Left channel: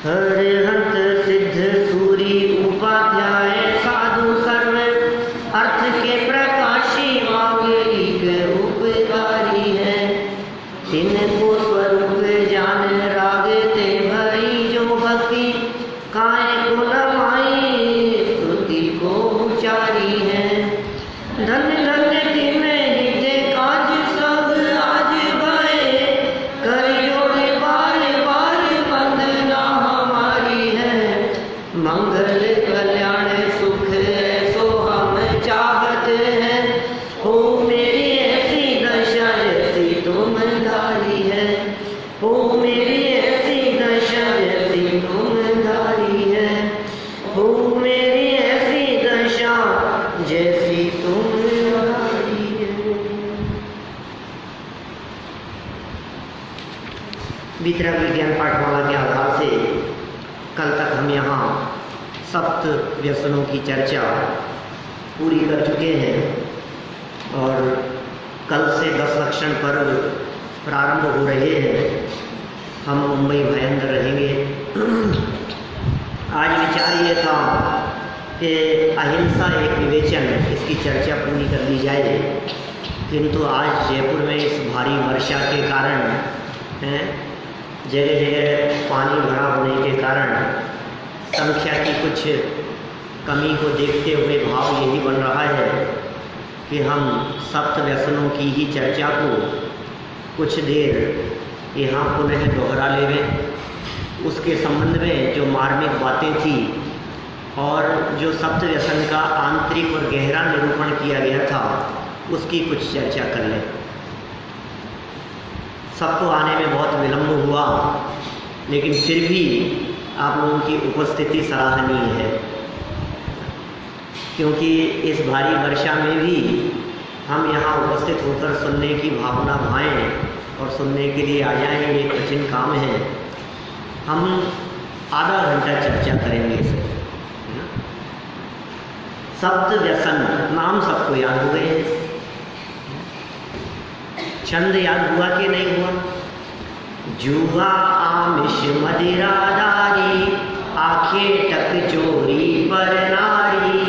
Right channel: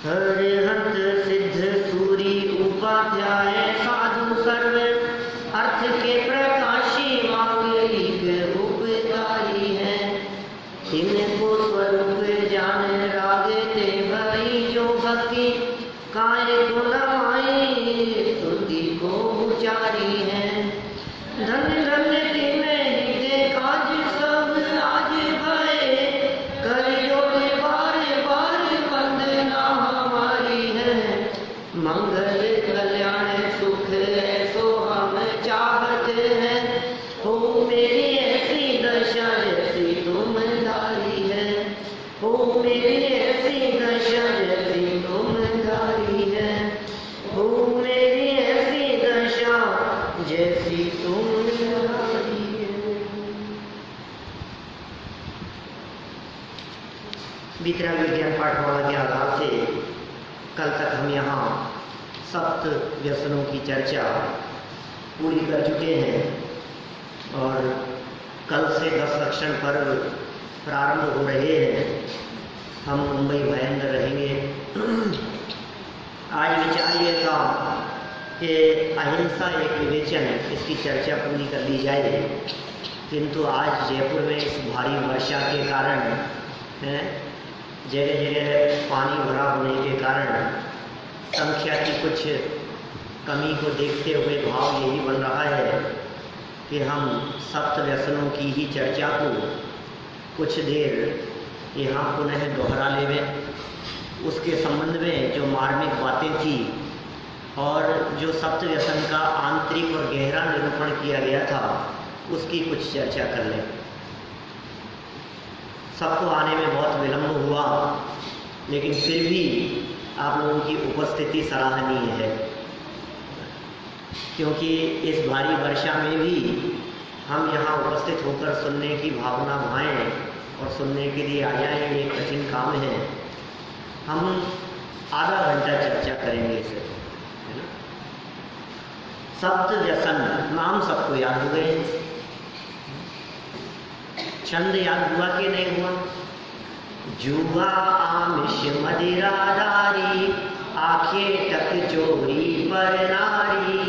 हरिहंत सिद्ध सूरी उपाध्याय साधु सर्व अर्थ के प्रकाशी मांगलिक उपकारी है। तिनको स्वरूप जान रागते भई जो भक्ति काय को न माई स्तुति को उचारी है। धन धन तिन हिते काज सब आज भये कर जोड़े बार बार वंदना हमारी है। मंगल कल्याण सुख ऐसो हम चाहते हैं, हो मेरी ऐसी दशा जैसी तुम धारी है। हो मेरी ऐसी दशा जैसी तुम धारी है। हो मेरी ऐसी दशा जैसी तुम धारी है। वितरक विज्ञान पाठशाला के आधार से कल तक हम यहाँ सप्त व्यसनों की चर्चा पूरी कर चुके हैं और कल से 10 लक्षण पर्व प्रारंभ हो रहे हैं। हम मुंबई भयंकर रहेंगे। आज विचार ये था कि अहिंसा एक विवेचन, इसकी चर्चा पूरी कर ली जाए, किंतु आज जयपुर में इस भारी वर्षा के कारण जगह जगह पानी भरा होने के कारण संख्या की कुछ कमी को देखते हुए भाव यही बन रहा है कि हम सप्त व्यसनों की ही चर्चा को कुछ देर यहाँ पुनः दोहरा लेवें। उसके संबंध में जो मार्मिक बातें थी और जो सप्त व्यसन का आंतरिक और गहरा निरूपण किया गया था उसकी कुछ चर्चा कर लें। सबको आने में बहुत विलंब हुआ, लेकिन फिर भी आप लोगों की उपस्थिति सराहनीय है, क्योंकि इस भारी वर्षा में भी हम यहाँ उपस्थित होकर सुनने की भावना भाएं और सुनने के लिए आ जाएं, ये कठिन काम है। हम आधा घंटा चर्चा करेंगे इसे, है ना। सप्त व्यसन नाम सबको याद हो गए, छंद याद हुआ कि नहीं हुआ? जुआ आमिष मदिरादारी आखे टक चोरी पर नारी,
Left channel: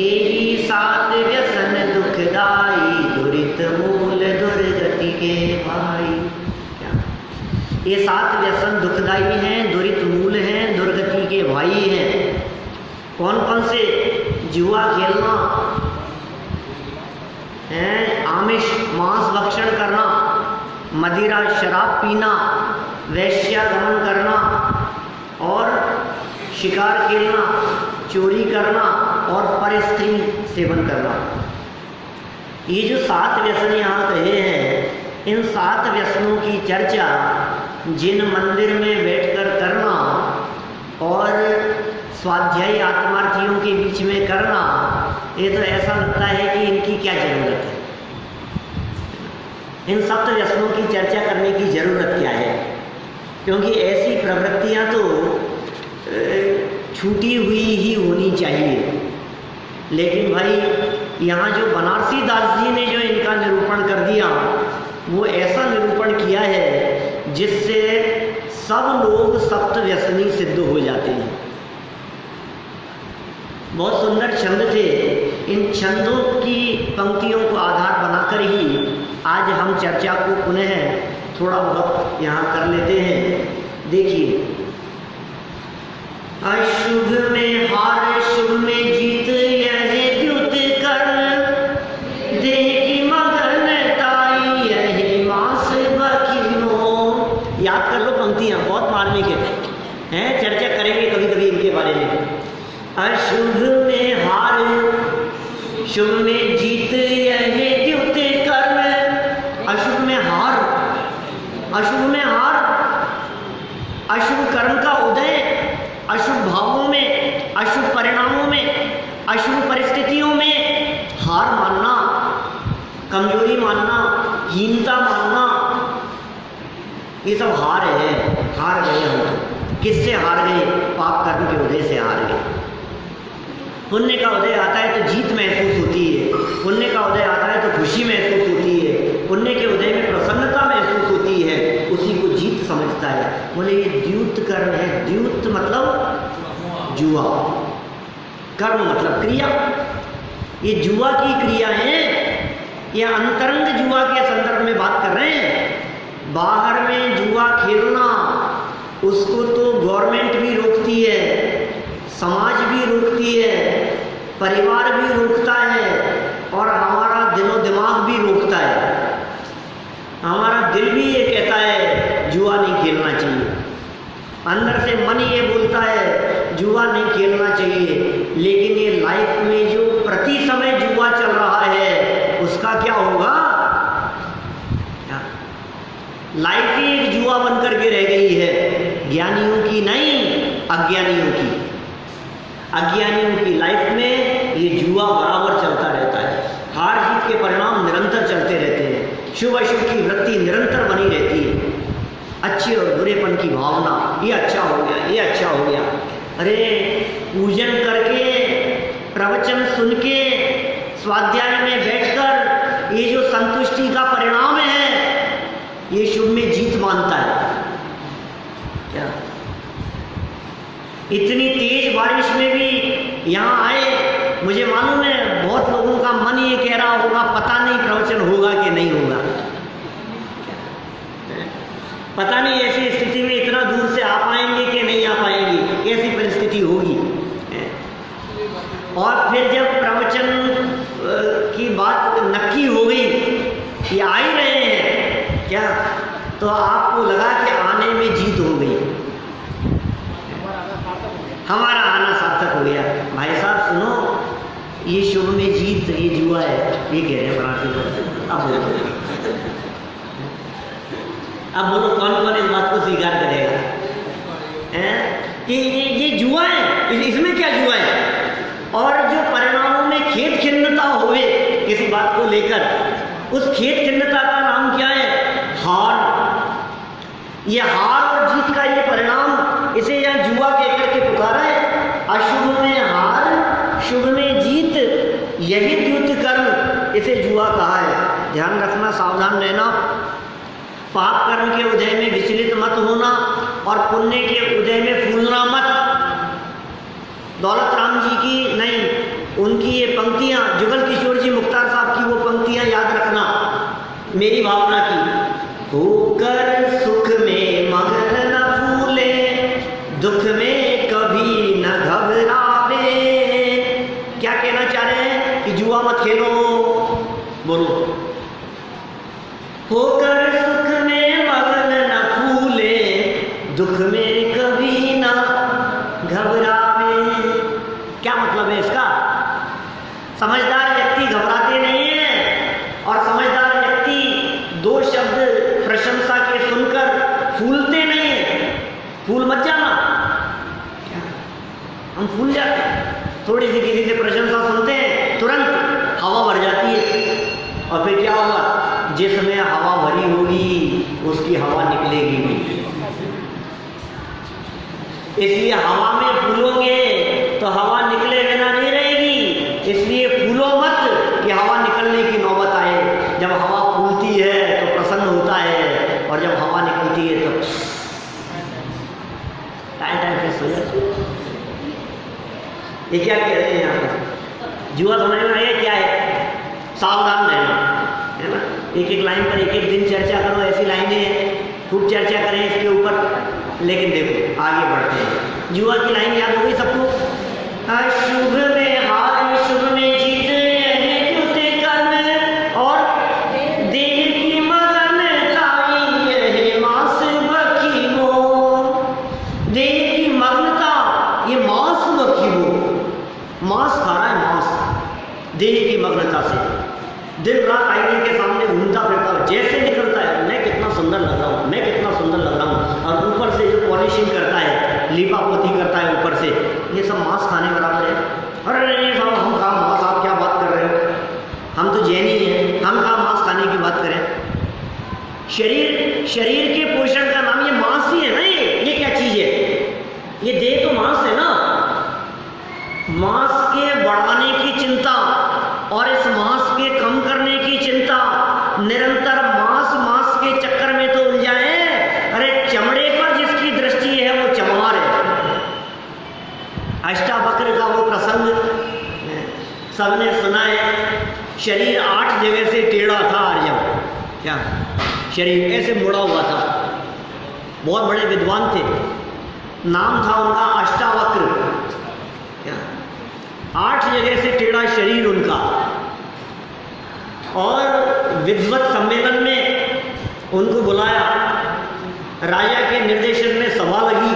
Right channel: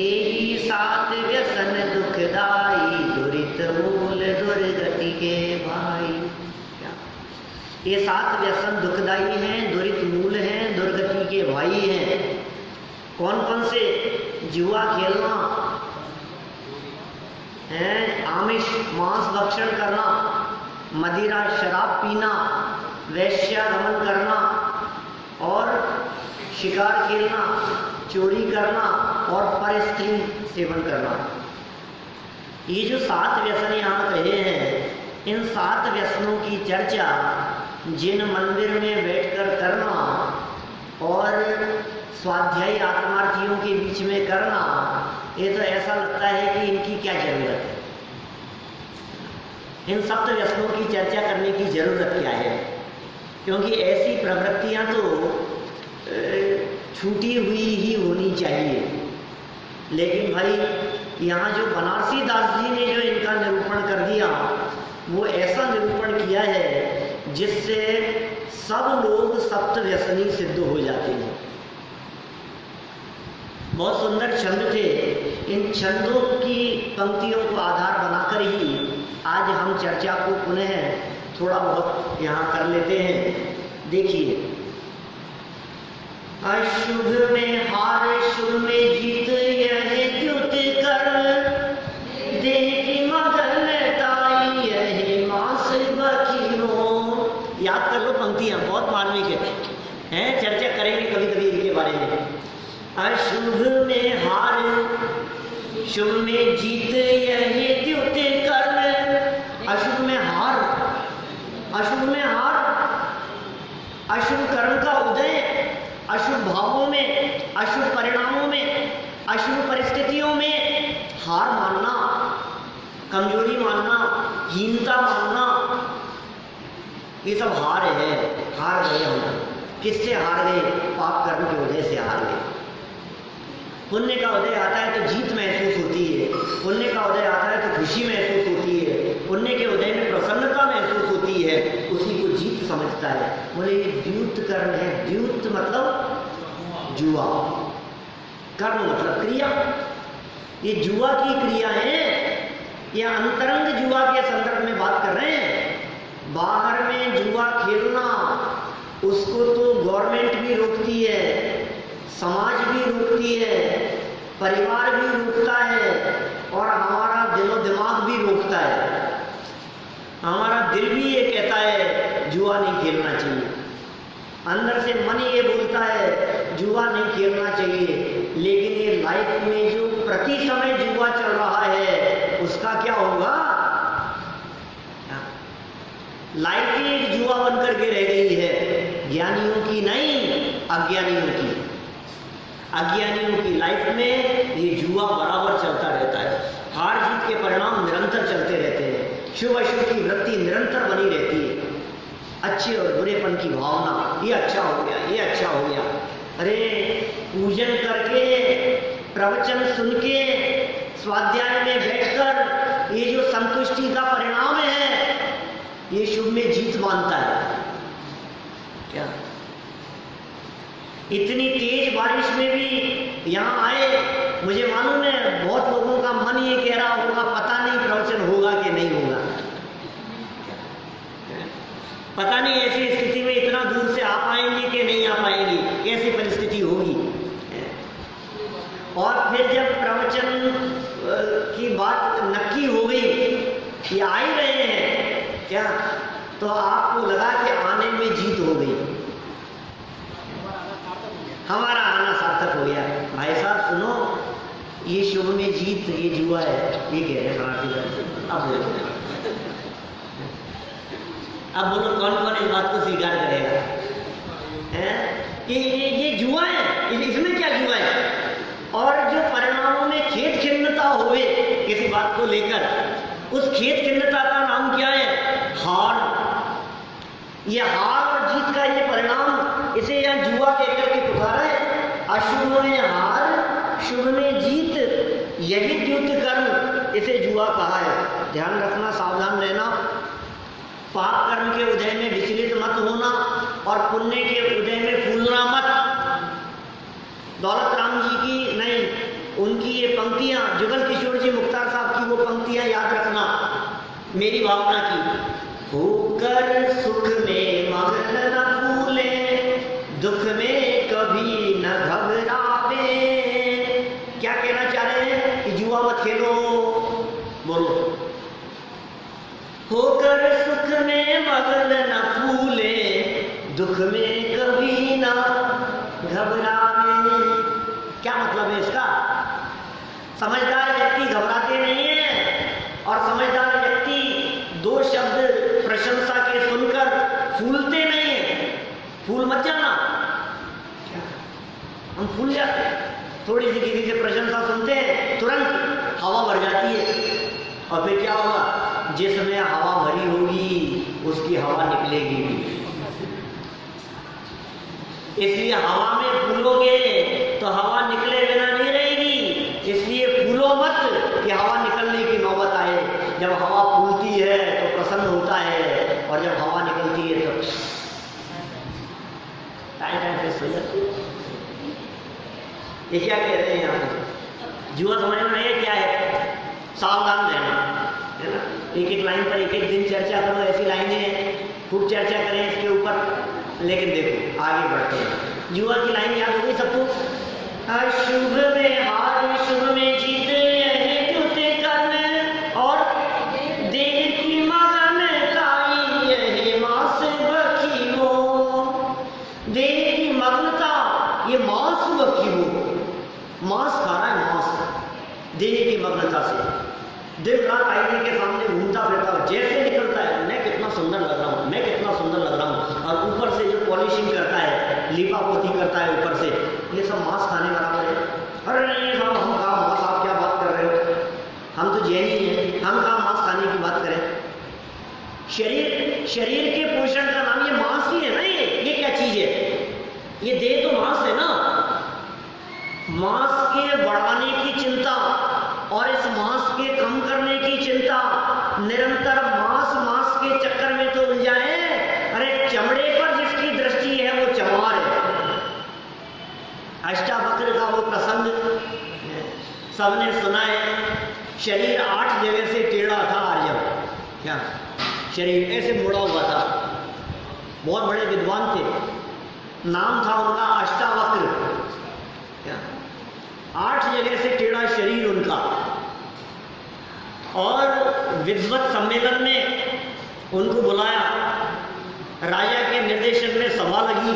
एही 7 व्यसन दुखदाई दुरित मूल दुर्गति के भाई। क्या ये 7 व्यसन दुखदाई हैं, दुरित मूल हैं, दुर्गति के भाई हैं। कौन कौन से? जुआ खेलना है, आमिष मांस भक्षण करना, मदिरा शराब पीना, वैश्यागमन करना और शिकार खेलना, चोरी करना और परस्त्री सेवन करना। ये जो 7 व्यसन यहाँ कहे हैं, इन 7 व्यसनों की चर्चा जिन मंदिर में बैठकर करना और स्वाध्यायी आत्मार्थियों के बीच में करना, ये तो ऐसा लगता है कि इनकी क्या ज़रूरत है। इन सप्त व्यसनों की चर्चा करने की ज़रूरत क्या है? क्योंकि ऐसी प्रवृत्तियाँ तो छूटी हुई ही होनी चाहिए। लेकिन भाई यहाँ जो बनारसी दास जी ने जो इनका निरूपण कर दिया, वो ऐसा निरूपण किया है जिससे सब लोग सप्त व्यसनी सिद्ध हो जाते हैं। बहुत सुंदर छंद थे। इन छंदों की पंक्तियों को आधार बनाकर ही आज हम चर्चा को पुनः थोड़ा बहुत यहाँ कर लेते हैं। देखिए, अशुभ में हार शुभ में जीत, यह द्युत कर्म देह की मगनताई, यही मांस बकी मोह। याद कर लो पंक्तियाँ, बहुत मार्मिक हैं, चर्चा करेंगे कभी कभी इनके बारे में। अशुभ में हार शुभ में जीत, यह द्युत कर्म। अशुभ में हार, अशुभ में हार, अशुभ कर्म का उदय, अशुभ भावों में, अशुभ परिणामों में, अशुभ परिस्थितियों में हार मानना, कमजोरी मानना, हीनता मानना, ये सब हार है। हार गए हम तो। किससे हार गए? पाप कर्म के उदय से हार गए। पुण्य का उदय आता है तो जीत महसूस होती है, पुण्य का उदय आता है तो खुशी महसूस होती है, पुण्य के उदय में प्रसन्नता महसूस होती है, उसी को जीत समझता है। बोले ये द्यूत कर्म है। द्यूत मतलब जुआ, कर्म मतलब क्रिया। ये जुआ की क्रिया है, ये अंतरंग जुआ के संदर्भ में बात कर रहे हैं। बाहर में जुआ खेलना उसको तो गवर्नमेंट भी रोकती है, समाज भी रोकती है, परिवार भी रोकता है और हमारा दिलो दिमाग भी रोकता है। हमारा दिल भी ये कहता है जुआ नहीं खेलना चाहिए, अंदर से मन ये बोलता है जुआ नहीं खेलना चाहिए। लेकिन ये लाइफ में जो प्रति समय जुआ चल रहा है उसका क्या होगा? लाइफ ही एक जुआ बनकर के रह गई है, ज्ञानियों की नहीं, अज्ञानियों की। अज्ञानियों की लाइफ में ये जुआ बराबर चलता रहता है, हार जीत के परिणाम निरंतर चलते रहते हैं, शुभ अशुभ की वृत्ति निरंतर बनी रहती है, अच्छे और बुरेपन की भावना, ये अच्छा हो गया, ये अच्छा हो गया। अरे पूजन करके, प्रवचन सुन के, स्वाध्याय में बैठकर ये जो संतुष्टि का परिणाम है ये शुभ में जीत मानता है क्या? इतनी तेज बारिश में भी यहाँ आए, मुझे मालूम है बहुत लोगों का मन ये कह रहा होगा पता नहीं प्रवचन होगा कि नहीं होगा, पता नहीं ऐसी स्थिति में इतना दूर से आ पाएंगे कि नहीं आ पाएंगे, कैसी परिस्थिति होगी। और फिर जब प्रवचन की बात नक्की हो गई कि आ ही रहे हैं क्या, तो आपको लगा कि आने में जीत हो गई, हमारा आना सार्थक हो गया। भाई साहब सुनो, ये शुभ में जीत, ये जुआ है, ये कह रहे हैं मराठी में। अब बोलो, अब बोलो कौन कौन इस बात को स्वीकार करेगा? ये जुआ है, इसमें क्या जुआ है? और जो परिणामों में खेद खिन्नता हुए किसी बात को लेकर, उस खेद खिन्नता का नाम क्या है? हार। ये हार और जीत का ये परिणाम, इसे यहाँ जुआ कहकर के पुकारा है। अशुभ में हार, शुभ में जीत, यही द्युत कर्म, इसे जुआ कहा है। ध्यान रखना, सावधान रहना, पाप कर्म के उदय में विचलित मत होना और पुण्य के उदय में फूलना मत। दौलत राम जी की नहीं, उनकी ये पंक्तियां, जुगल किशोर जी मुख्तार साहब की वो पंक्तियां याद रखना, मेरी भावना की। होकर सुख में मगन न फूले, दुख में कभी न घबरावे। क्या कहना चाह रहे हैं? कि जुआ मत खेलो। बोलो, होकर सुख में मगन न फूले, दुख में कभी न घबरावे। क्या मतलब है इसका? समझदार व्यक्ति घबराते नहीं है और समझदार व्यक्ति दो शब्द प्रशंसा के सुनकर फूलते नहीं है। फूल मत जाना, क्या हम फूल जाते हैं? थोड़ी सी किसी से प्रशंसा सुनते हैं, तुरंत हवा भर जाती है और फिर क्या होगा? जिसमें हवा भरी होगी उसकी हवा निकलेगी भी। इसलिए हवा में फूलोगे तो हवा निकले बिना नहीं रहेगी, इसलिए फूलो मत कि हवा निकलने की नौबत आए। जब हवा फूलती है तो प्रसन्न होता है और जब हवा निकलती है तो टाइम फिक्स हो जाती है। ये क्या कह रहे हैं यहाँ पर? जुआ समझ में आया क्या है? सावधान रहना है ना। एक एक लाइन पर एक एक दिन चर्चा करो, ऐसी लाइनें हैं, खूब चर्चा करें इसके ऊपर। लेकिन देखो आगे बढ़ते हैं। जुआ की लाइन याद हो गई सबको? अशुभ में हार, शुभ में जीत, यही द्युत कर्म और देह की मगनताई, यही मांस बखी हो। देह की मग्नता, ये मांस बखी हो, मांस खा रहा है, मांस। देह की मग्नता से दिन रात आईने के सामने घूमता फिरता, जैसे निकलता है मैं कितना सुंदर लग रहा हूँ, मैं कितना सुंदर लग रहा हूँ, और ऊपर से जो पॉलिशिंग करता है, लीपा पोती करता है ऊपर से, ये सब मांस खाने बराबर है। अरे नहीं साहब, हम कहाँ मांस, आप क्या बात कर रहे हो? हम तो जैनी हैं, हम कहाँ मांस खाने की बात करें? शरीर के पोषण का नाम ये मांस ही है ना। ये क्या चीज है? ये देह तो मांस है ना। मांस के बढ़ाने की चिंता और इस मांस के कम करने की चिंता, निरंतर मांस के चक्कर में तो उलझाए। अरे चमड़े पर जिसकी दृष्टि है वो चमार है। अष्टावक्र का वो प्रसंग सबने सुना है। शरीर 8 जगह से टेढ़ा था अर्जुन, क्या शरीर ऐसे मुड़ा हुआ था। बहुत बड़े विद्वान थे, नाम था उनका अष्टावक्र। क्या 8 जगह से टेढ़ा शरीर उनका। और विद्वत सम्मेलन में उनको बुलाया, राजा के निर्देशन में सभा लगी,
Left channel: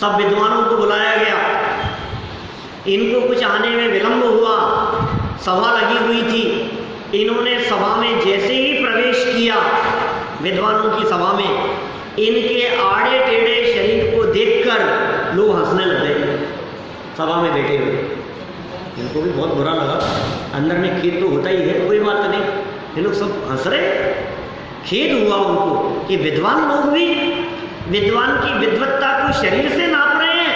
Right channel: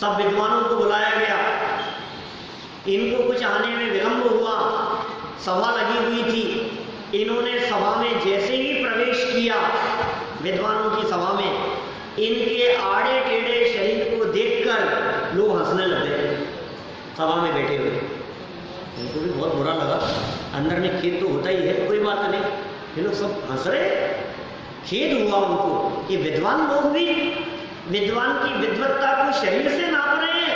सब विद्वानों को बुलाया गया। इनको कुछ आने में विलंब हुआ, सभा लगी हुई थी। इन्होंने सभा में जैसे ही प्रवेश किया, विद्वानों की सभा में, इनके आड़े टेढ़े शरीर को देखकर लोग हंसने लग गए सभा में बैठे हुए। इनको भी बहुत बुरा लगा, अंदर में खेद तो होता ही है, कोई बात नहीं, ये लोग सब हंस रहे। खेद हुआ उनको कि विद्वान लोग भी विद्वान की विद्वत्ता को शरीर से नाप रहे हैं,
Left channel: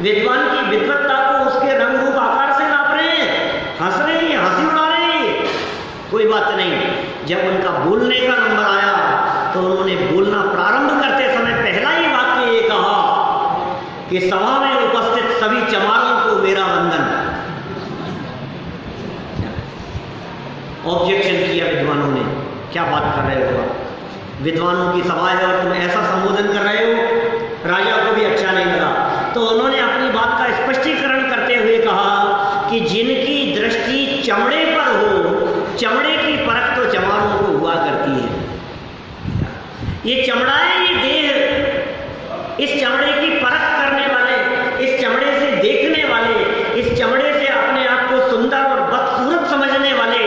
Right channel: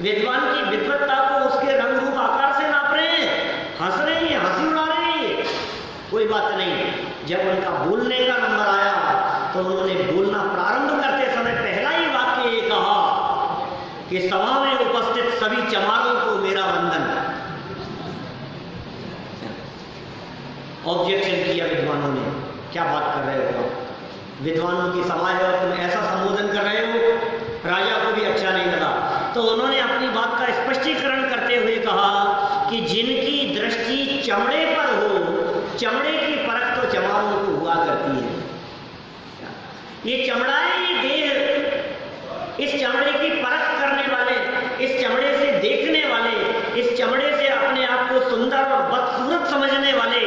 विद्वान की विद्वत्ता को उसके रंग रूप आकार से नाप रहे हैं, हंस रहे हैं, हंसी उड़ा रहे हैं। कोई बात नहीं। जब उनका बोलने का नंबर आया तो उन्होंने बोलना प्रारंभ करते समय पहला ही वाक्य ये कहा कि सभा में उपस्थित सभी चमारों को मेरा वंदन। ऑब्जेक्शन किया विद्वानों ने, क्या बात कर रहे हो आप, विद्वानों की सभा है और तुम ऐसा संबोधन कर रहे हो। राजा को भी अच्छा नहीं लगा, तो उन्होंने अपनी बात का स्पष्टीकरण करते हुए कहा कि जिनकी दृष्टि चमड़े पर हो, चमड़े की परख तो चमारों को हुआ करती है। ये चमड़ा है, ये देह, इस चमड़े की परख करने वाले, इस चमड़े से देखने वाले, इस चमड़े से अपने आप को सुंदर और बदसूरत समझने वाले,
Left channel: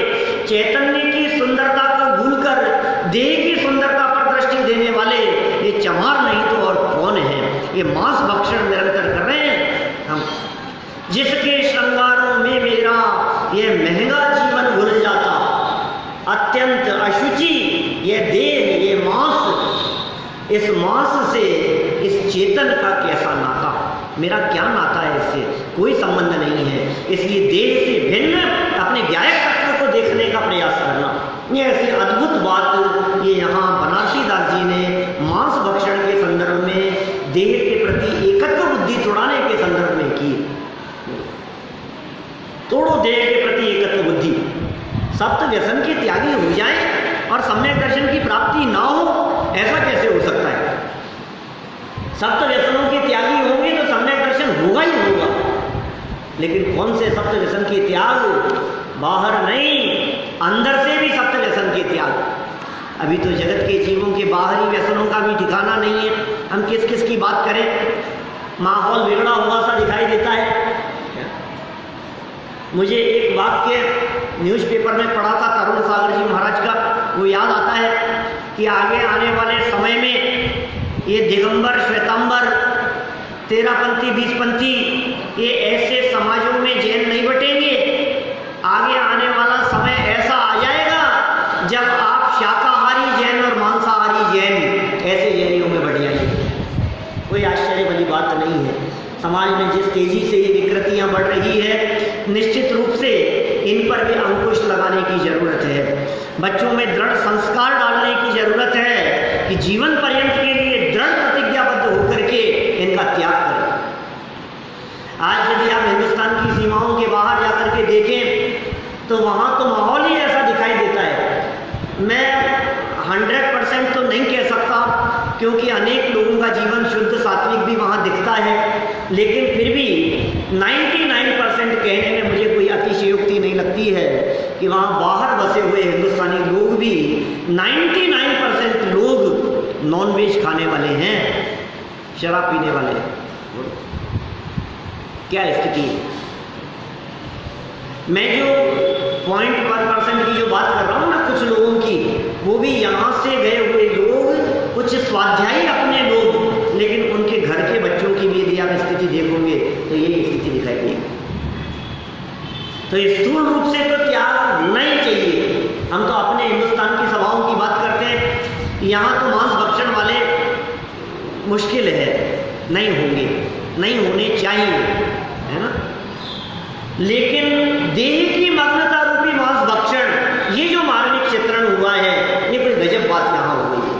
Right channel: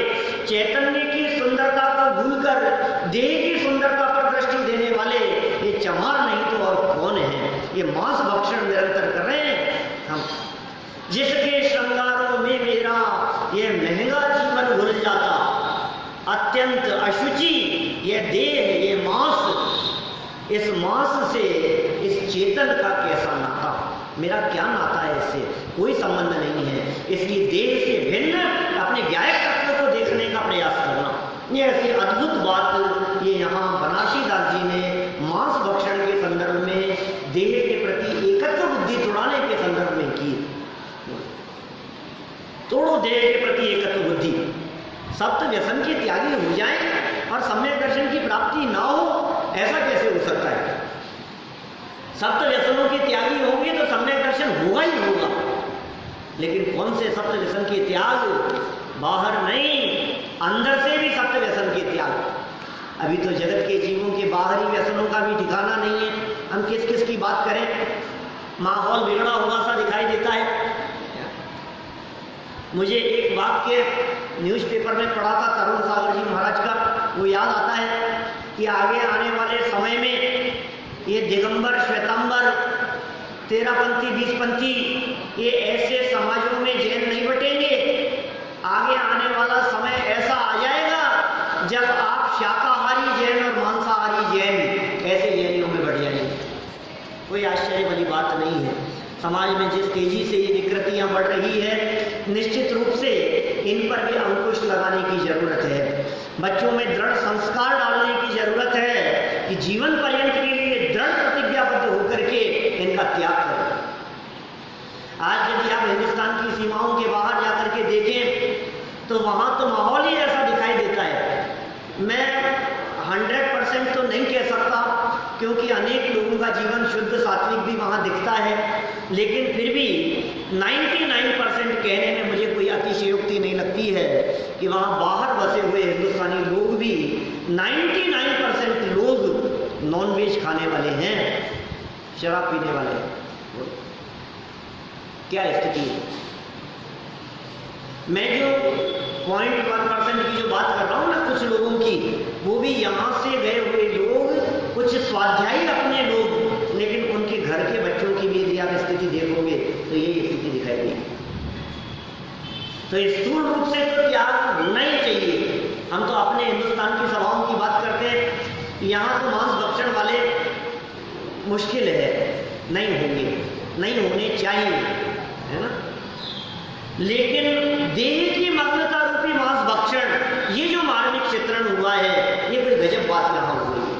चैतन्य की सुंदरता को भूलकर देह की सुंदरता पर दृष्टि देने वाले, ये चमार नहीं तो और कौन है। ये मांस भक्षण निरंतर कर रहे हैं हम। जिसके श्रृंगारों में मेरा ये महंगा जीवन भूल जाता, अत्यंत अशुचि ये देह, ये मांस, इस मांस से इस चेतन का कैसा नाता, मेरा क्या नाता है इससे, कोई संबंध नहीं है। इसलिए देह से भिन्न अपने ज्ञायक तत्व को देखने का प्रयास करना, ये ऐसी अद्भुत बात ये यहाँ बनारसी दास जी ने मांस भक्षण के संदर्भ में देह के प्रति एकत्व बुद्धि तोड़ाने के संदर्भ में की। तोड़ो देह के प्रति एकत्व बुद्धि, सप्त व्यसन के त्यागी हो जाएं और सम्यक दर्शन की प्राप्ति ना हो, ऐसा कैसे हो सकता है। सप्त व्यसनों के त्यागी होंगे तो सम्यक दर्शन होगा ही होगा, लेकिन कौन से सप्त व्यसन के त्याग, बाहर नहीं, अंदर से भी सप्त व्यसन के त्याग। अभी तो जगत के जीवों के बाहरी व्यसनों का भी ठिकाना नहीं है, हम किस किस की बात करें। माहौल बिगड़ा हुआ सा दिखाई देता है। मुझे एक वाक्य न्यूज़पेपर में पढ़ा था तरुण सागर जी महाराज का, वो याद आता है कि आगे आने वाले समय में ये दिगंबर, श्वेतांबर, 13पंथी, 20पंथी, ये ऐसे समाजों में जैन नहीं बटेंगे। आगे आने वाला समय ऐसा आ जाएगा जब आप शाकाहारी जैन और मांसाहारी जैन ऐसे जैनियों में बढ़ जाएंगे। कोई आश्चर्य वाली बात नहीं है। समाज में जिस तेजी से ये विकृतियां बढ़ रही है, निश्चित रूप से इन पर भी अंकुश लगाने की जरूरत है। बच्चों में दृढ़ संस्कार डालने की जरूरत है कि जीवन पर्यंत के लिए दृढ़ प्रतिज्ञाबद्ध होकर के इनका त्याग करें। आज यदि आप हिंदुस्तान की सीमाओं के बाहर जाकर के देखें तो वहाँ तो माहौल ही ऐसा दिखाई देता है। मैं 100% तो नहीं कह सकता क्योंकि अनेक लोगों का जीवन शुद्ध सात्विक भी वहाँ दिखता है, लेकिन फिर भी 99% कहने में मुझे कोई अतिशयोक्ति नहीं लगती है कि वहाँ बाहर बसे हुए हिंदुस्तानी लोग भी 99% लोग नॉनवेज खाने वाले हैं, शराब पीने वाले हैं। क्या स्थिति है? मैं जो 0.1% की जो बात कर रहा हूँ ना, कुछ लोगों की, वो भी यहाँ से गए हुए लोग, कुछ स्वाध्यायी अपने लोग, लेकिन उनके घर के बच्चों की भी यदि आप स्थिति देखोगे तो यही स्थिति दिखाई देगी। तो स्थूल रूप से तो त्याग होना ही चाहिए। हम तो अपने हिंदुस्तान की सभाओं की बात करते हैं, यहाँ तो मांस भक्षण वाले मुश्किल है, नहीं होंगे, नहीं होने चाहिए। है ना। लेकिन देह की मग्नता रूपी मांस भक्षण, ये जो मार्मिक चित्रण हुआ है, ये कोई गजब बात यहाँ हो गई है।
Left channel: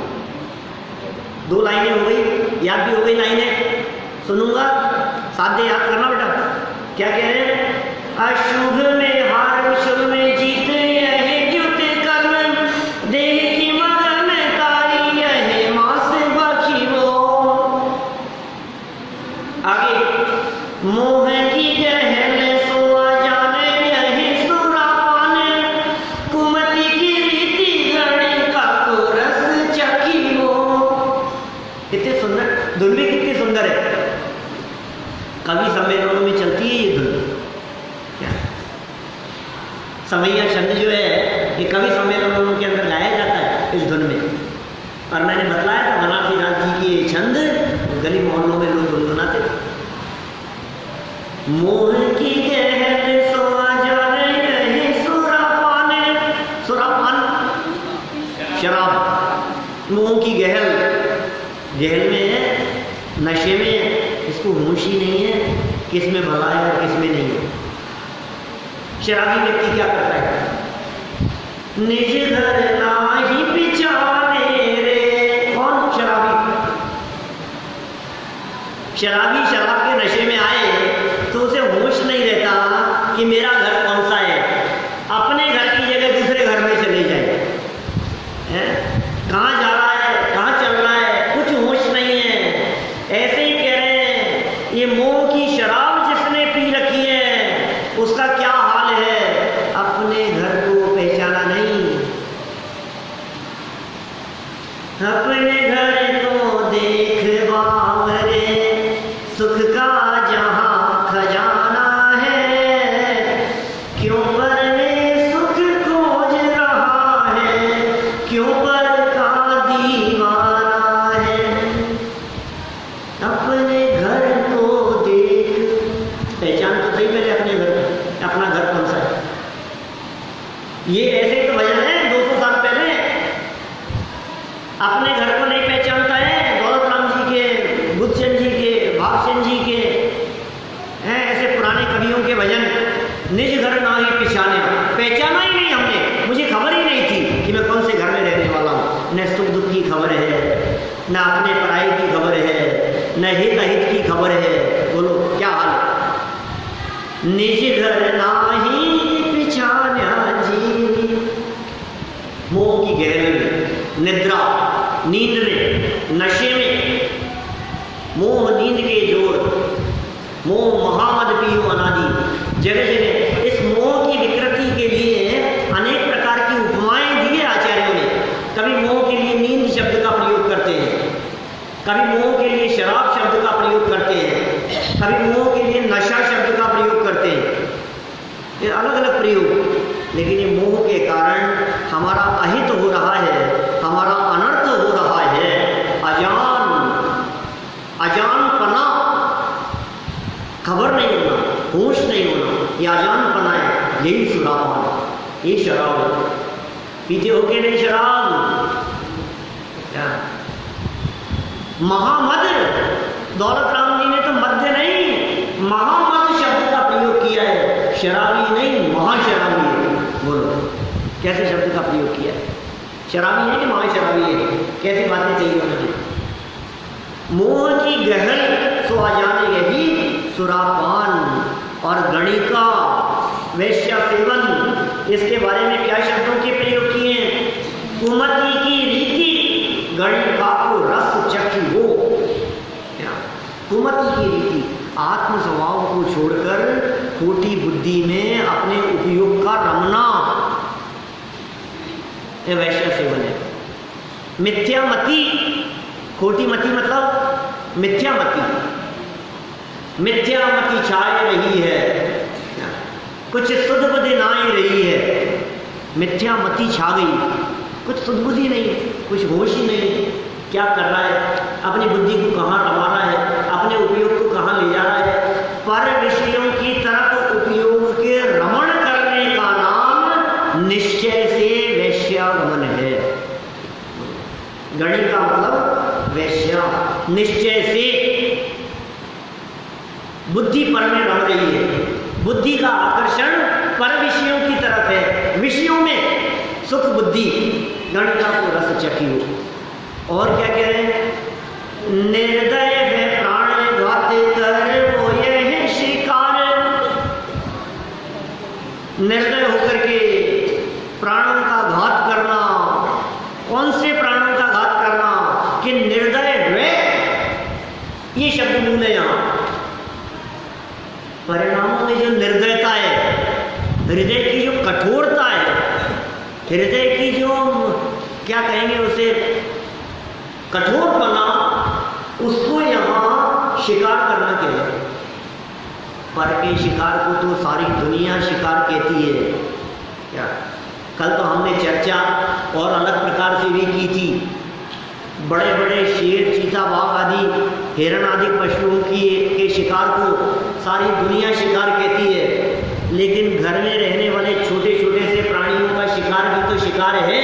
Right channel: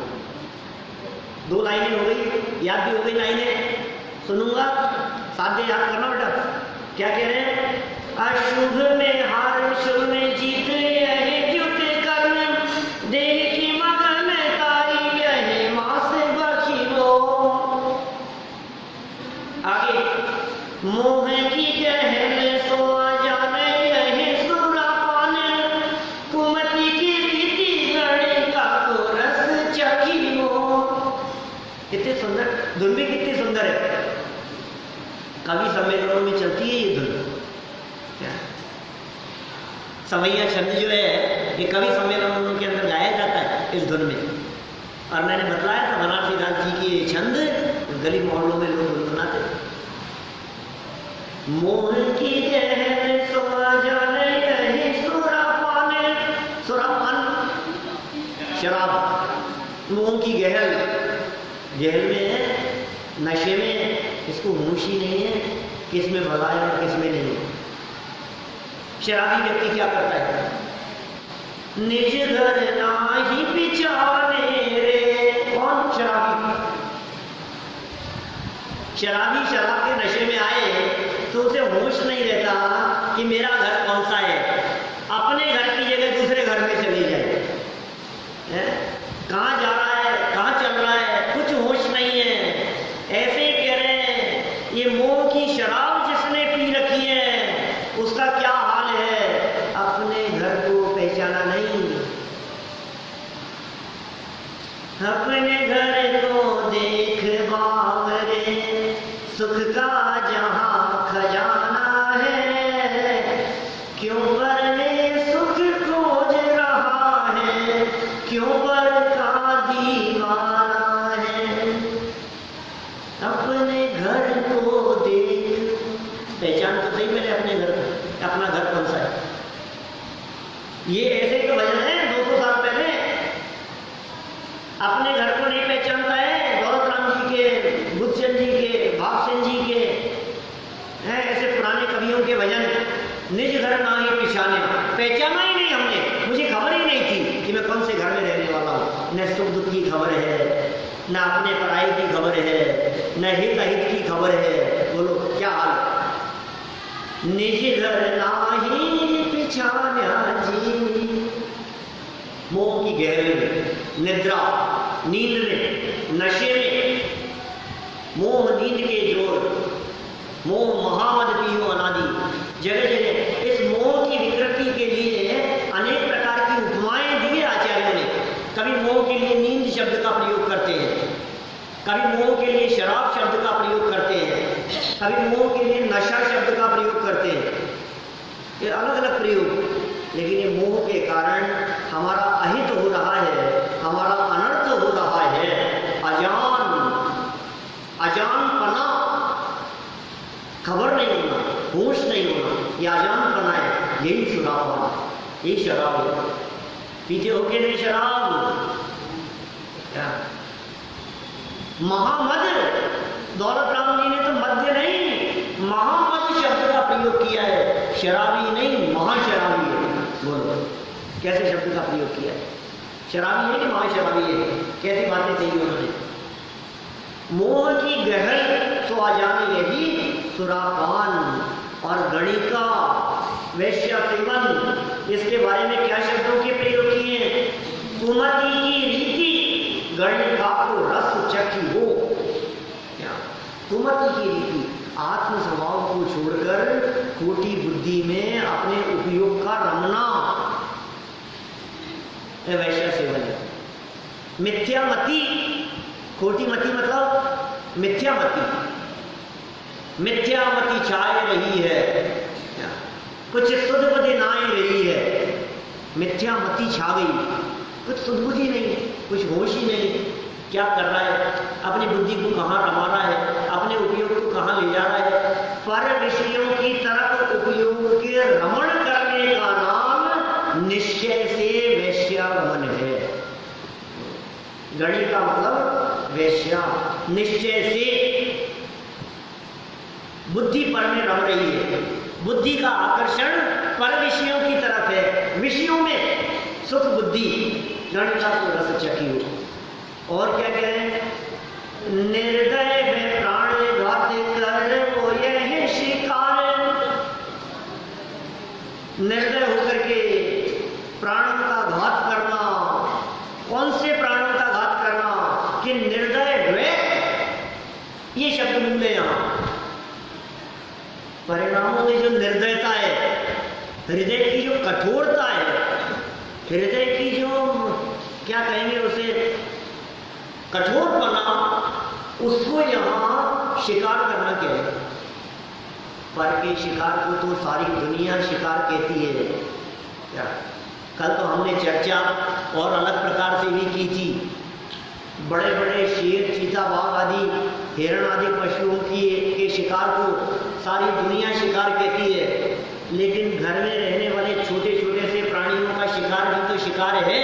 2 लाइनें हो गई, याद भी हो गई लाइनें, सुनूंगा साथ दे, याद करना बेटा। क्या कह रहे हैं? अशुभ में हार, शुभ में जीत, यह द्युत कर्म, देह की मगनता यह मांस बखिरो। आगे, मोह की गहल सोआ जाने यह सुरापान, कुमति की रीति गणे का को रस चखिरो। कितने सुंदर धुन भी, कितनी सुंदर है। कवि सम्मेलनों में चलती है ये धुन। क्या समैया छंद जो है, ये कवि सम्मेलनों के अंदर गाया जाता है इस धुन में। और मैंने बतलाया था बनारसी दास जी की ये छंद गली मोहल्लों में लोग गुनगुनाते थे। मोह की गहल सोआ जाने यही सुरापान, सुरापान शराब, मोह की गहल, गहल में है, नशे में है, इसको होश ही नहीं है किस में भला है और किस में नहीं है। शराबी व्यक्ति क्या करता है? निज घर नाही पिछाने रे। कौन शराबी? शराबी शराब के नशे में आए तो उसे होश नहीं रहता कि मेरा घर कौन सा है। अपने घर की जगह दूसरे घर में चले जाए, कहाँ जा रहा है, कहाँ चल रहा है, कुछ होश नहीं है। ऐसे ही कह रहे हैं, ये मोह की शराब जिसने पी रखी है उसका क्या हाल है, अपने घर को पहचाना नहीं। अपने घर को देख बावरे, सुख का जहां खजाना है, क्यों पर में सुख खोज रहा है, क्यों पर का दीवाना है। अपने घर को देख, पहचान तो सही पहले अपने घर को, अपना घर कौन सा है। ये ऐसे ही तो भजन है 200 साल पहले। अपने घर को नहीं पहचानता है, दौलत राम जी के, बुद्धचंद जी के, भागचंद जी के हैं, ऐसे पुराने कवियों के भजन। निज घर ना ही पिछाना, पहचाना ही नहीं हमने, मुझे खबर ही नहीं थी कि मैं कौन से घर में रहने वाला हूँ। न सुख दुख की खबर है, न अपने पढ़ाई की खबर है, न हित अहित की खबर है। बोलो क्या हाल है? निज घर नाही पिछाना जी। मोह की गहरे में, निद्रा, नींद में, नशे में, मोह नींद के जोड़, मोह महामद पियो अनादि। जगह जगह इस मोह की विकृति के लिए अनेक प्रकार की उपमाएं दी है आचार्यों ने। कभी मोह के लिए नींद शब्द का प्रयोग करते हैं, कभी मोह के लिए शराब शब्द का प्रयोग करते हैं, कभी मोह के लिए नशा शब्द का प्रयोग करते हैं। ये अलग अलग प्रयोग, लेकिन ये मोह के कारण हमारा अहित हो रहा है, हमारा अनर्थ हो रहा है। अजानपना, खबर नहीं होना, होश नहीं होना, ये अजानपना है। यही सुरापान, ये शराब है। पीते हो के नहीं शराब? क्या महामद, दौलत राम जी ने तो मध्य नहीं, महामद शब्द का प्रयोग किया है। शराबी नहीं, महाशराबी है। बोलो कैसे शब्द का प्रयोग किया है? शराबी है कि महाशराबी है? कैसी बातें कही उन्होंने? मोह की गहल सो आ जाने यही सुरापान और गणिका, वैश्य सेवन, इसके बारे में क्या शब्दों के प्रयोग किए हैं? कुमति की रीति गणिका को रस चखी हो। कुमति की रीति, आत्म स्वभाव को छोड़कर खोटी बुद्धि में अपने उपयोग का रमना, यह वैश्य सेवन है। मिथ्यामति, खोटी मति मतलब मिथ्यामति, मिथ्यामति छाए रही है, कुछ सुध बुद्धि ना ही रही है। मिथ्यामति छा गई, कुछ सुध बुद्धि नहीं, कुछ होश ही नहीं। क्या कर रहा है? अपनी बुद्धि को कहाँ रमा रहा है, अपने उपयोग को कहाँ ले जा रहा है? पर विषयों की तरफ उपयोग के रमण करने का नाम निश्चय से वैश्यागमन है। गणित का मतलब वैश्या, निश्चय से। बुद्धि पर में रम रही है, बुद्धि का आकर्षण पर विषयों की तरफ है, विषयों में सुख बुद्धि गणिका को रस चखियो। और क्या कह रहे हैं? निर्दय है प्राण घात कर वो ये है शिकार। निर्दय होकर के प्राणों का घात करना। कौन से प्राणों का घात करना? कि निर्दय हुए, ये शब्द मूल है यहां। परिणामों में जो निर्दयता है, हृदय की जो कठोरता है, हृदय की जो क्या कहेंगे उसे, कठोरपना, उसको यहां शिकार करना क्या है? पर के शिकार को तो सारी दुनिया शिकार कहती है। क्या कल तो हमने चर्चा और अलग प्रकार से भी की थी। बड़े बड़े शेर, चीता, बाघ आदि, हिरण आदि पशुओं के शिकार को सारी दुनिया शिकार कहती है, लेकिन घर में रहने वाले छोटे छोटे से प्राणियों का शिकार भी तो शिकार है,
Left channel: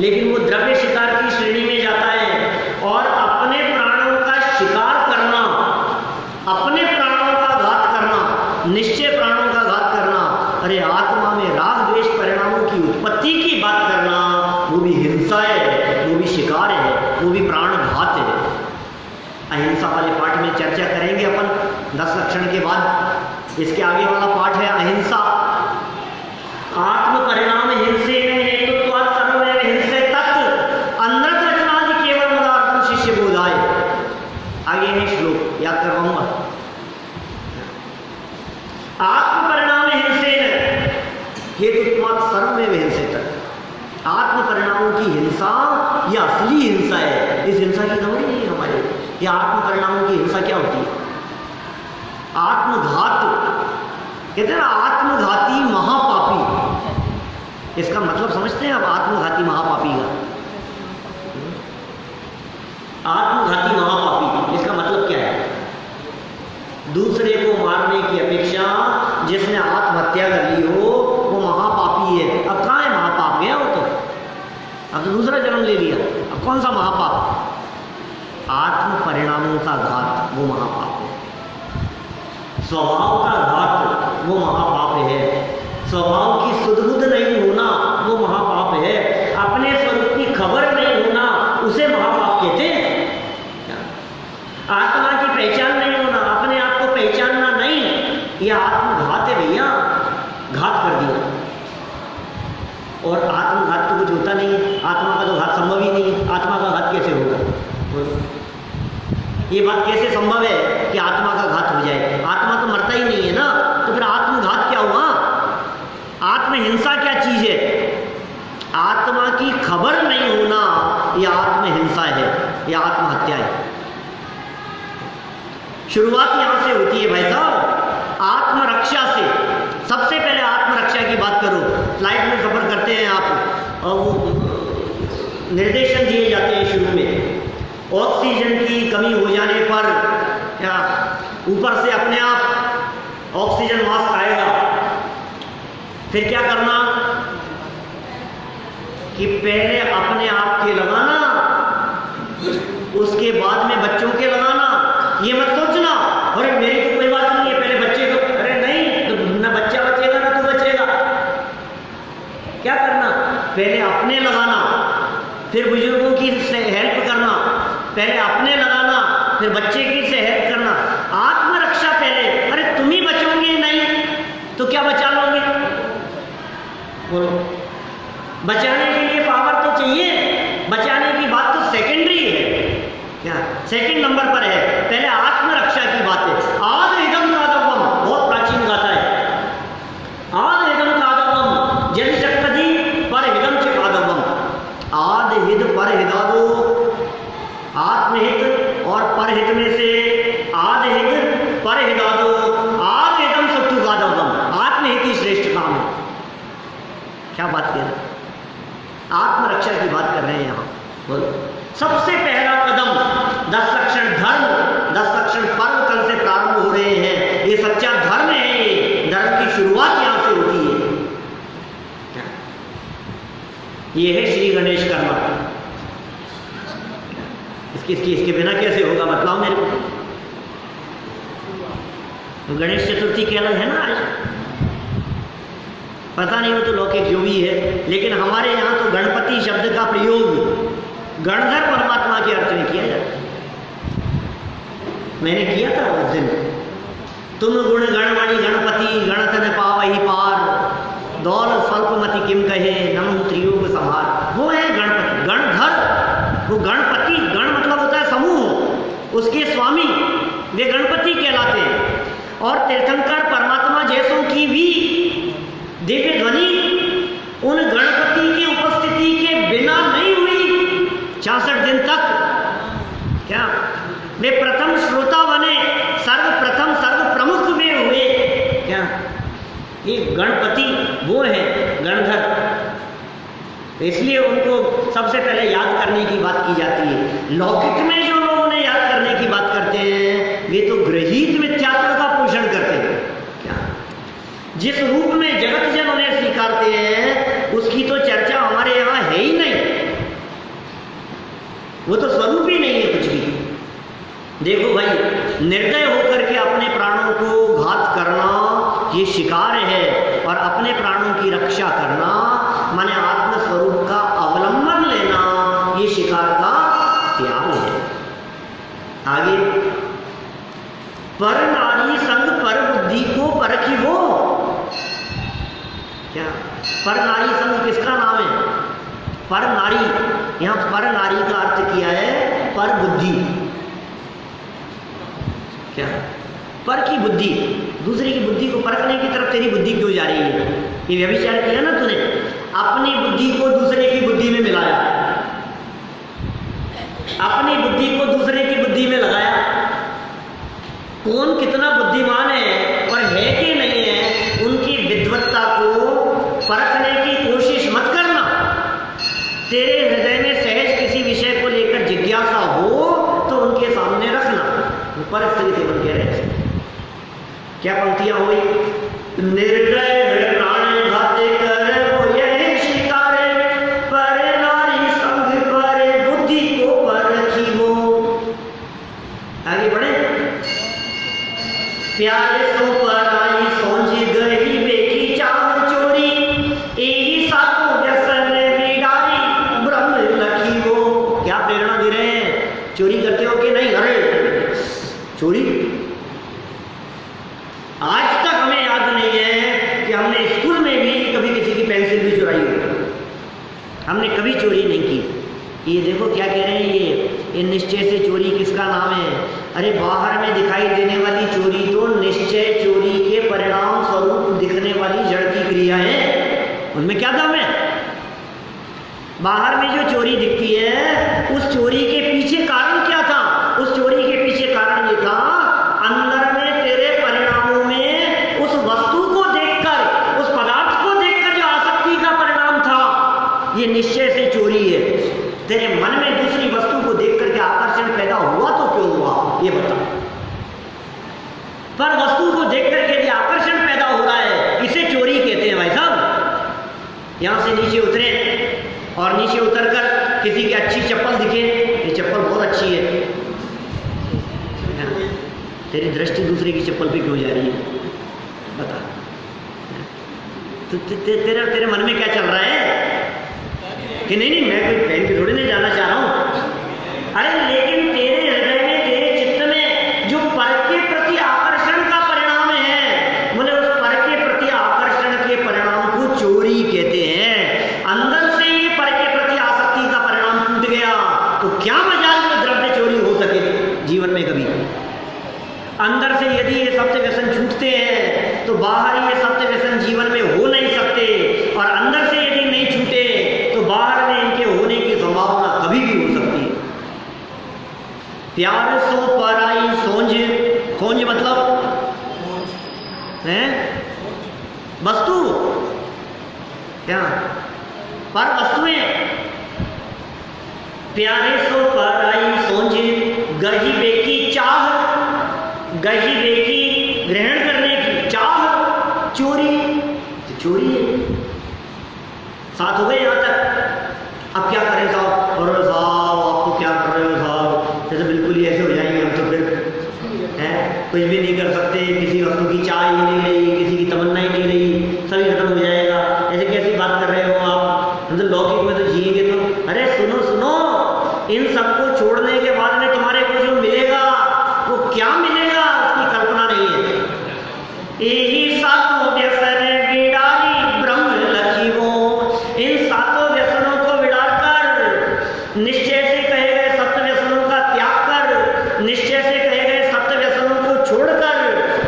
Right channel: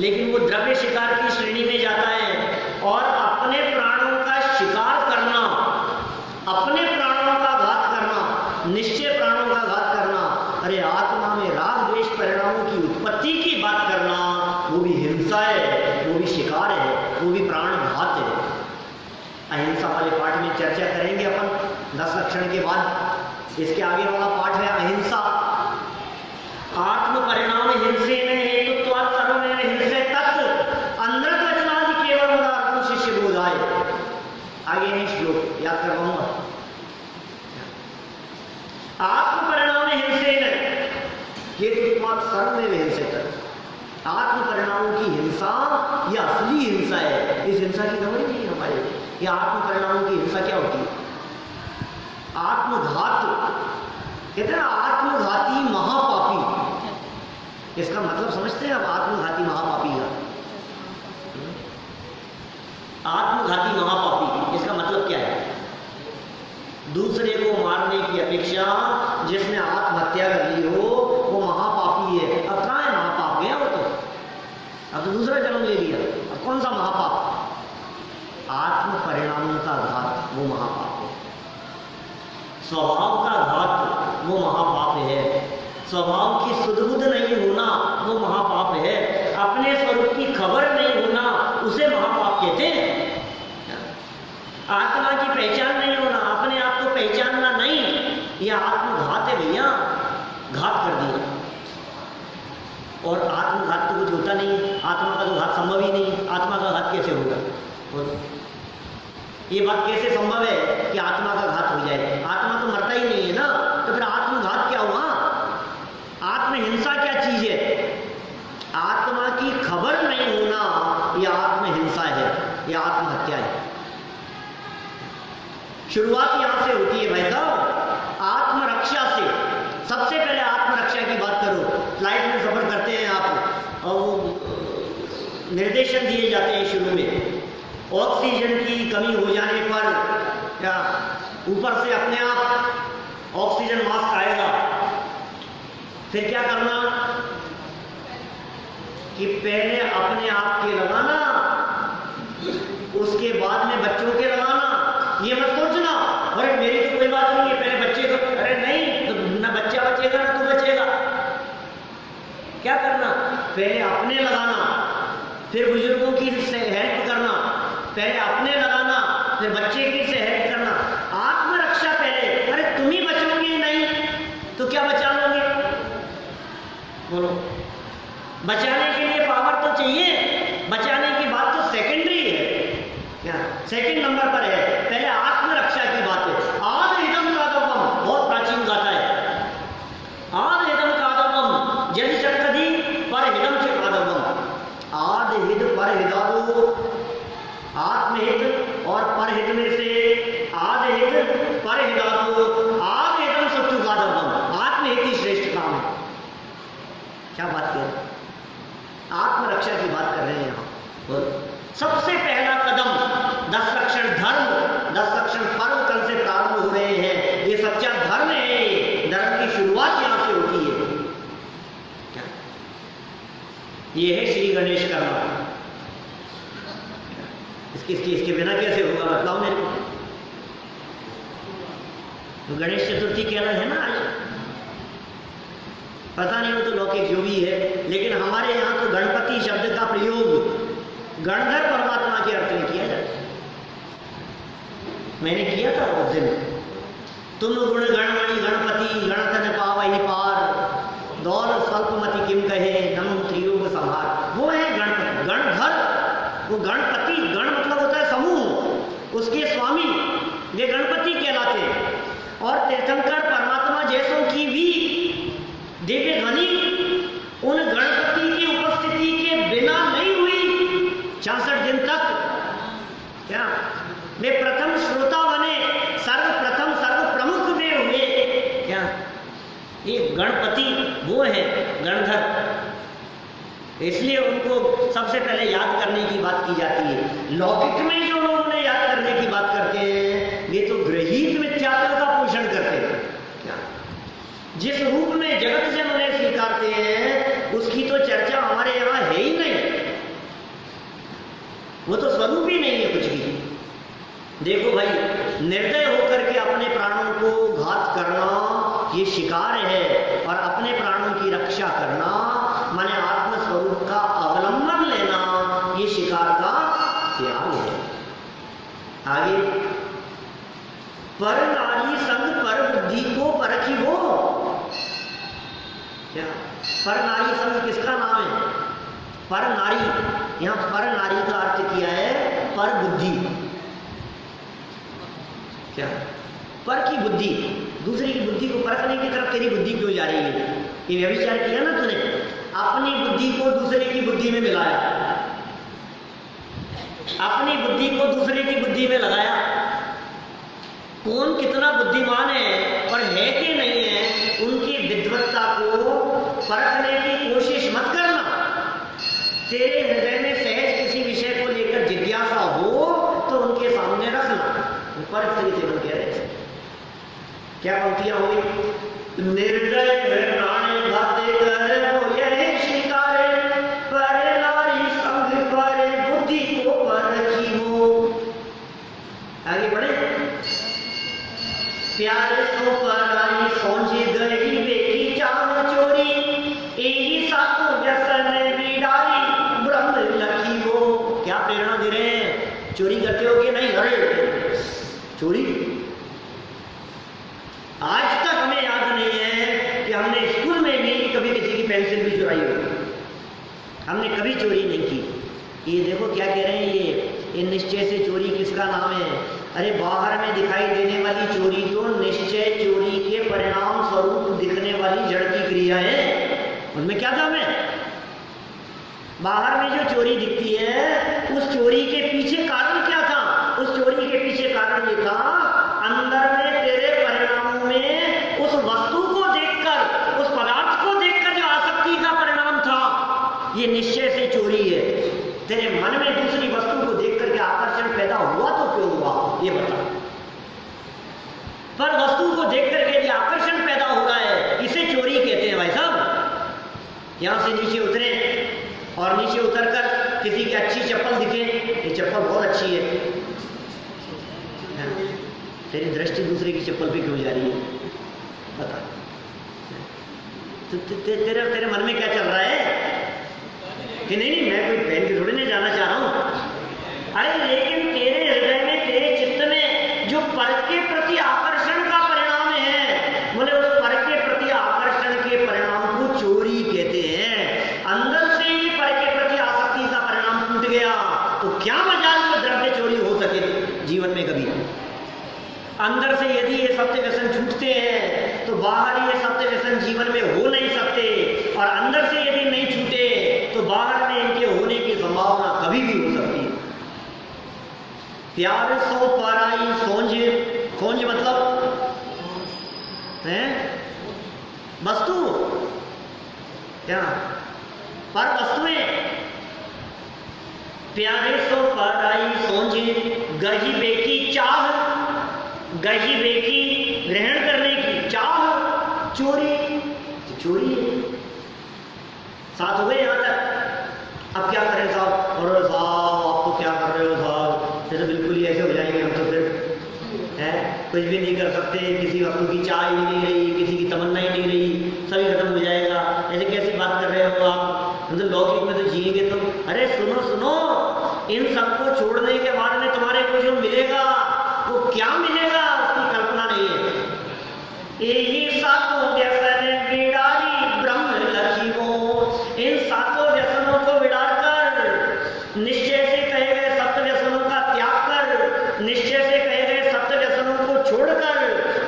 लेकिन वो द्रव्य शिकार की श्रेणी में जाता है। और अपने प्राणों का शिकार करना, अपने प्राणों का घात करना, निश्चय प्राणों का घात करना, अरे आत्मा में राग द्वेष परिणामों की उत्पत्ति की बात करना, वो भी हिंसा है, वो भी शिकार है, वो भी प्राण घात है। अहिंसा वाले पाठ में चर्चा करेंगे अपन 10 लक्षण के बाद। इसके आगे वाला पाठ है अहिंसा। आत्म परिणाम हिंसे में हेतुत्वात् सर्वमेव हिंसे तत् अनृत रचनादि केवल मुरार्थ शिष्य बोधाय। आगे है श्लोक, याद करवाऊंगा। आत्म परिणाम हिंसेन हेतुत्वात् सर्वमेव हिंसे तत्। आत्म परिणामों की हिंसा यह असली हिंसा है। इस हिंसा की खबर ही नहीं हमारे। यह आत्म परिणामों की हिंसा क्या होती है? आत्मघात कहते हैं ना, आत्मघाती महापापी। इसका मतलब समझते हैं आप? आत्मघाती महापापी का, आत्मघाती महापापी इसका मतलब क्या है? दूसरे को मारने की अपेक्षा जिसने आत्महत्या कर ली हो वो महापापी है। अब कहाँ है महापाप? गया वो तो, अब तो दूसरा जन्म ले लिया। अब कौन सा महापाप? आत्म परिणामों का घात, वो महापाप है। स्वभाव का घात, वो महापाप है। स्वभाव की सुध-बुध नहीं होना, वो महापाप है। अपने स्वरूप की खबर नहीं होना, उसे महापाप कहते हैं। आत्मा की पहचान नहीं होना, अपने आप को पहचानना नहीं, यह आत्मघात है भैया। घात कर दिया। और आत्मघात तो कुछ होता नहीं है, आत्मा का तो घात संभव ही नहीं है। आत्मा का घात कैसे होगा? ये बात कैसे संभव है कि आत्मा का घात हो जाए? आत्मा तो मरता ही नहीं है ना, तो फिर आत्मघात क्या हुआ? आत्महिंसा क्या चीज है? आत्मा की खबर नहीं होना, यह आत्महिंसा है, यह आत्महत्या है। शुरुआत यहां से होती है भाई साहब, आत्मरक्षा से। सबसे पहले आत्मरक्षा की बात करो। फ्लाइट में सफर करते हैं आप, और वो निर्देशन दिए जाते हैं शुरू में। ऑक्सीजन की कमी हो जाने पर या ऊपर से अपने आप ऑक्सीजन मास्क आएगा। फिर क्या करना कि पहले अपने आप के लगाना, उसके बाद में बच्चों के लगाना। ये मत सोचना अरे मेरी तो कोई बात नहीं है, पहले बच्चे को, अरे नहीं, तो ना बच्चा बचेगा ना तू बचेगा। क्या करना? पहले अपने लगाना, फिर बुजुर्गों की हेल्प करना। पहले अपने लगाना, फिर बच्चे की से हेल्प करना। आत्मरक्षा पहले। अरे तुम ही बचोगे नहीं तो क्या बचा लोगे? बोलो। बचाने के लिए पावर तो चाहिए, बचाने की बात तो सेकेंडरी है। क्या सेकंड नंबर पर है? पहले आत्मरक्षा की बात है। आद इदम कादवम, बहुत प्राचीन गाथा है। आद इदम कादवम जल शक्ति पर हिदम च कादवम। आद हित पर हिदादो, आत्महित और परहित में से आद हित पर हिदादो, आद हितम सत्तु कादवम। आत्महित ही श्रेष्ठ काम है। क्या बात कर रहे हैं? आत्मरक्षा की बात कर रहे हैं यहां। बोलो। सबसे पहला कदम 10 लक्षण धर्म, 10 लक्षण पर्व कल से प्रारंभ हो रहे हैं। ये सच्चा धर्म है। ये धर्म की शुरुआत यहां से होती है। क्या ये है श्री गणेश कर्मा? इसके बिना कैसे होगा? बतलाओ मेरे को। गणेश चतुर्थी के अलग है ना आज, पता नहीं वो तो लौकिक जो भी है, लेकिन हमारे यहाँ तो गणपति शब्द का प्रयोग गणधर परमात्मा के अर्थ में किया जाता है। मैंने किया था उस दिन, तुम गुण गणमणि गणपति गणतन पावही पार दौल स्वल्पमति किम कहे नमो त्रियोग समार। वो है गणपति, गणधर। वो गणपति, गण मतलब होता है समूह, उसके स्वामी वे गणपति कहलाते हैं। और तीर्थंकर परमात्मा जैसों की भी दिव्य ध्वनि उन गणपति की उपस्थिति के बिना नहीं हुई 66 दिन तक। क्या वे प्रथम श्रोता बने, सर्वप्रथम सर्व प्रमुख वे हुए। क्या ये गणपति वो है गणधर, इसलिए उनको सबसे पहले याद करने की बात की जाती है। लौकिक में जो लोग उन्हें याद करने की बात करते हैं वे तो गृहीत मिथ्यात्व का पोषण करते हैं। क्या जिस रूप में जगत जन उन्हें स्वीकारते हैं उसकी तो चर्चा हमारे यहाँ है ही नहीं, वो तो स्वरूप ही नहीं है कुछ भी। देखो भाई, निर्दय होकर के अपने प्राणों को घात करना ये शिकार है, और अपने प्राणों की रक्षा करना माने आत्मस्वरूप का अवलंबन लेना ये शिकार का त्याग है। आगे, पर नारी संग पर बुद्धि को परखी हो। क्या पर नारी संग किसका नाम है? पर नारी, यहां पर नारी का अर्थ किया है पर बुद्धि। क्या पर की बुद्धि, दूसरे की बुद्धि को परखने की तरफ तेरी बुद्धि क्यों जा रही है? ये व्यभिचार किया ना तूने, अपनी बुद्धि को दूसरे की बुद्धि में मिलाया, अपनी बुद्धि को दूसरे की बुद्धि में लगाया। कौन कितना बुद्धिमान है और है कि नहीं है, उनकी विद्वत्ता को परखने की कोशिश मत करना। तेरे हृदय में सहज किसी विषय को लेकर जिज्ञासा हो तो उनके सामने रखना। पर स्थिति बन के रहे। क्या पंक्तियां हुई? निर्दय प्राण घात कर वो यह शिकार, पर नारी संग पर बुद्धि को परखी हो। आगे बढ़े। प्यारे सो पर आई सोच गई बेकी चाह चोरी, यही सातों व्यसन बिडारी ब्रह्म लखी हो। क्या प्रेरणा दे रहे हैं? चोरी करते हो कि नहीं? अरे चोरी आज तक हमें याद नहीं है कि हमने स्कूल में भी कभी किसी की पेंसिल भी चुराई हो। हमने कभी चोरी नहीं की। ये देखो क्या कह रहे हैं, ये निश्चय से चोरी किसका नाम है? अरे बाहर में दिखाई देने वाली चोरी तो निश्चय चोरी के परिणाम स्वरूप दिखने वाली जड़ की क्रिया है, उनमें क्या दाम है? बाहर में जो चोरी दिखती है उस चोरी के पीछे कारण क्या था? उस चोरी के पीछे कारण ये था, अंदर में तेरे परिणामों में उस वस्तु को देखकर, उस पदार्थ को देखकर जो आसक्ति का परिणाम था, ये निश्चय से चोरी है। तेरे मन में दूसरी वस्तु को देख करके आकर्षण पैदा हुआ तो क्यों हुआ ये बता। पर वस्तु को देख करके यदि आकर्षण पैदा हो रहा है, इसे चोरी कहते हैं भाई साहब। यहां से नीचे उतरे और नीचे उतरकर किसी की अच्छी चप्पल दिखे, ये चप्पल बहुत अच्छी है, तेरी दृष्टि दूसरे की चप्पल पे क्यों जा रही है बता। तो तेरे मन में क्या चल रहा है कि नहीं मैं कोई पहन के थोड़ी नहीं जाना चाह रहा हूं। अरे लेकिन तेरे हृदय में, तेरे चित्त में जो पर के प्रति आकर्षण का परिणाम है, बोले उस पर के प्रति आकर्षण के परिणाम को चोरी कहते हैं। अंदर से ही पर के प्रति आसक्ति का परिणाम टूट गया तो क्या मजाल में द्रव्य चोरी हो सके जीवन में कभी। अंदर से यदि ये सप्त व्यसन छूटते हैं तो बाहर ये सप्त व्यसन जीवन में हो नहीं सकते, और अंदर से यदि नहीं छूटे तो बाहर में इनके होने की संभावना कभी भी हो सकती है। प्यार सो पर आई सोंझ, सोंझ मतलब है वस्तु, क्या पर वस्तुएं। प्यारे सो पर आई सोंझ गही बेकी चाह, गही बेकी ग्रहण करने की चाह, चोरी चोरी है। साथ हो गए यहां तक। अब क्या करें साहब? और साहब आप तो क्या कर रहे हो साहब, जैसे बिल्कुल ही ऐसे हो जाएंगे हम तो फिर है, कुछ भी नहीं कर सकते, किसी वस्तु की चाह ही नहीं रही, किसी की तमन्ना ही नहीं रही, सभी खत्म हो जाएगा। ऐसे कैसी बात कर रहे हो आप, मतलब लौकिक में तो जिएंगे तुम। अरे सुनो सुनो, इन सबको छोड़ने के बाद में तुम्हारे को जो मिलेगा वो क्या मिलेगा उसकी कल्पना नहीं है। यही सातों व्यसन विड़ाई ब्रह्म लखी वो, इन सातों व्यसनों को विड़ार कर, निश्चय से कहे गए सप्त व्यसनों का त्याग कर, निश्चय से कहे गए सप्त व्यसनों को छोड़कर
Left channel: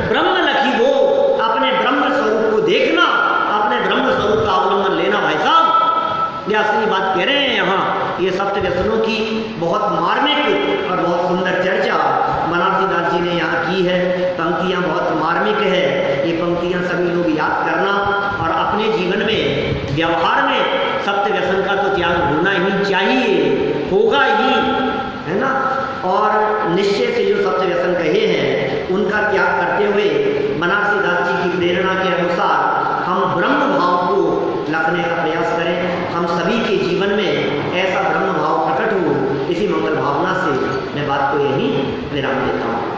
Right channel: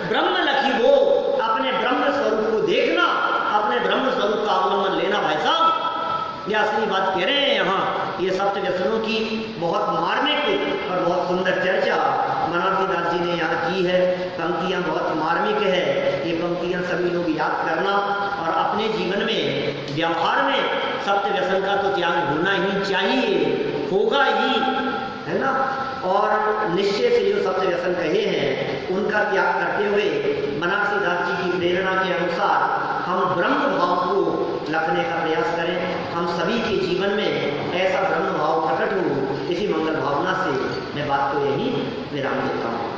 ब्रह्म लखी वो, अपने ब्रह्म स्वरूप को देखना, अपने ब्रह्म स्वरूप का अवलंबन लेना। भाई साहब ये असली बात कह रहे हैं यहाँ। ये सप्त व्यसनों की बहुत मार्मिक और बहुत सुंदर चर्चा बनारसी दास जी ने यहाँ की है। पंक्तियाँ बहुत मार्मिक है, ये पंक्तियाँ सभी लोग याद करना और अपने जीवन में व्यवहार में सप्त व्यसन का तो त्याग होना ही चाहिए, होगा ही, है ना। और निश्चय से जो सप्त व्यसन कहे हैं उनका त्याग करते हुए बनारसी दास जी की प्रेरणा के अनुसार हम ब्रह्म भाव को लखने का प्रयास करें। हम सभी के जीवन में ऐसा ब्रह्म भाव प्रकट हो, इसी मंगल भावना से मैं बात को यहीं विराम देता हूँ।